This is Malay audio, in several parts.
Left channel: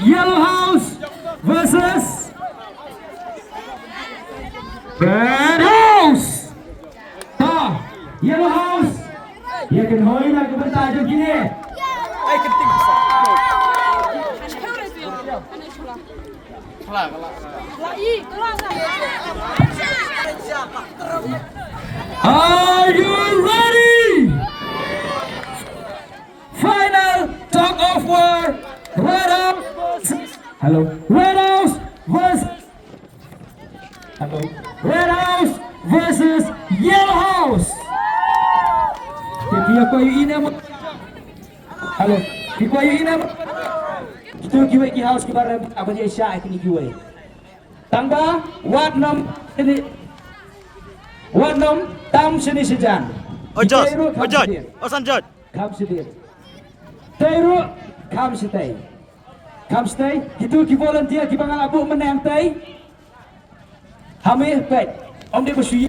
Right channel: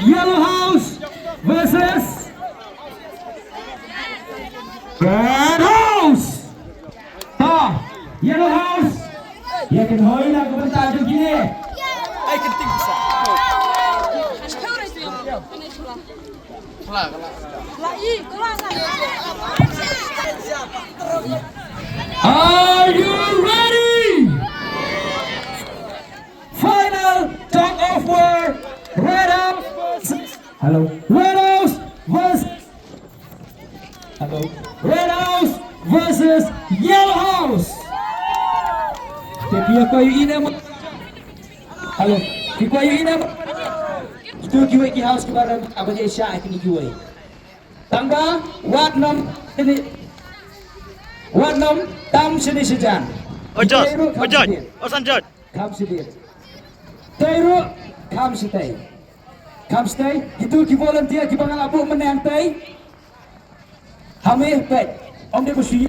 Yellow House versus Red House. Yellow House. Dia akan hoilah kebentar macam gini. Are you ready? Final talk of war. Red House. Hello. Red House versus. Hello. Red House versus Yellow House. Kita kayu ini. Hello. Kita kayu ini. Itu kiwe ki house ke barang aku je Asia ini kiwe. Tangga wad nom ini. Wad nom tam sini sejan. Ojot. Osanjot. Kam sidir. Tayro kam sitay. Kam sitay. Itu ki volunteer ki bangang abu menang tay. Hame pet. Om dia bersui.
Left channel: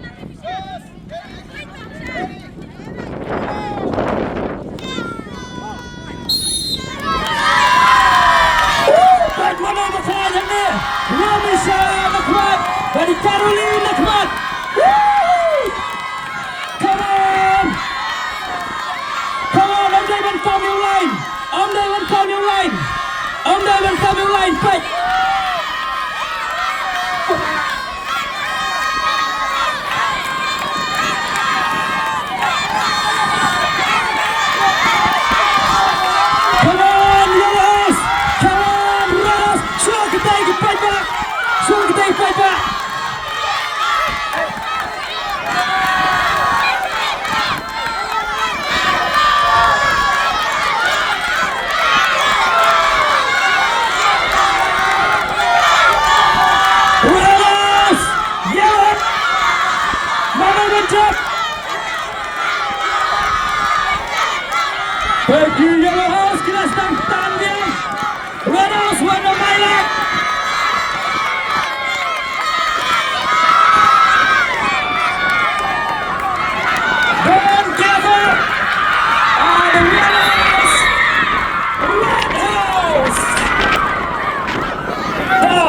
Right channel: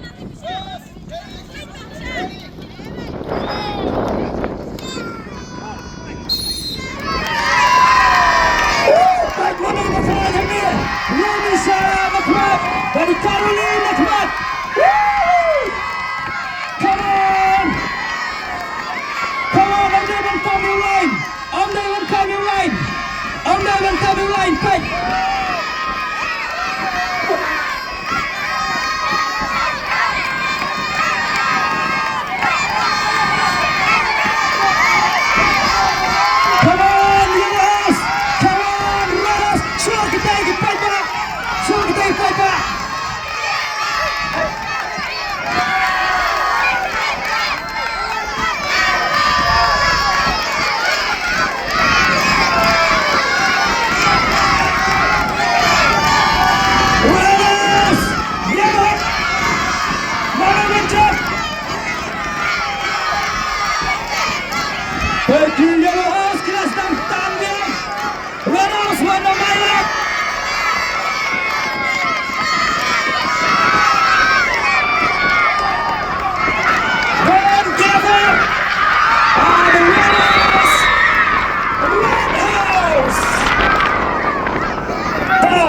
Dari Caroline Ahmad. Come on! Come on, I'm coming line. Fight!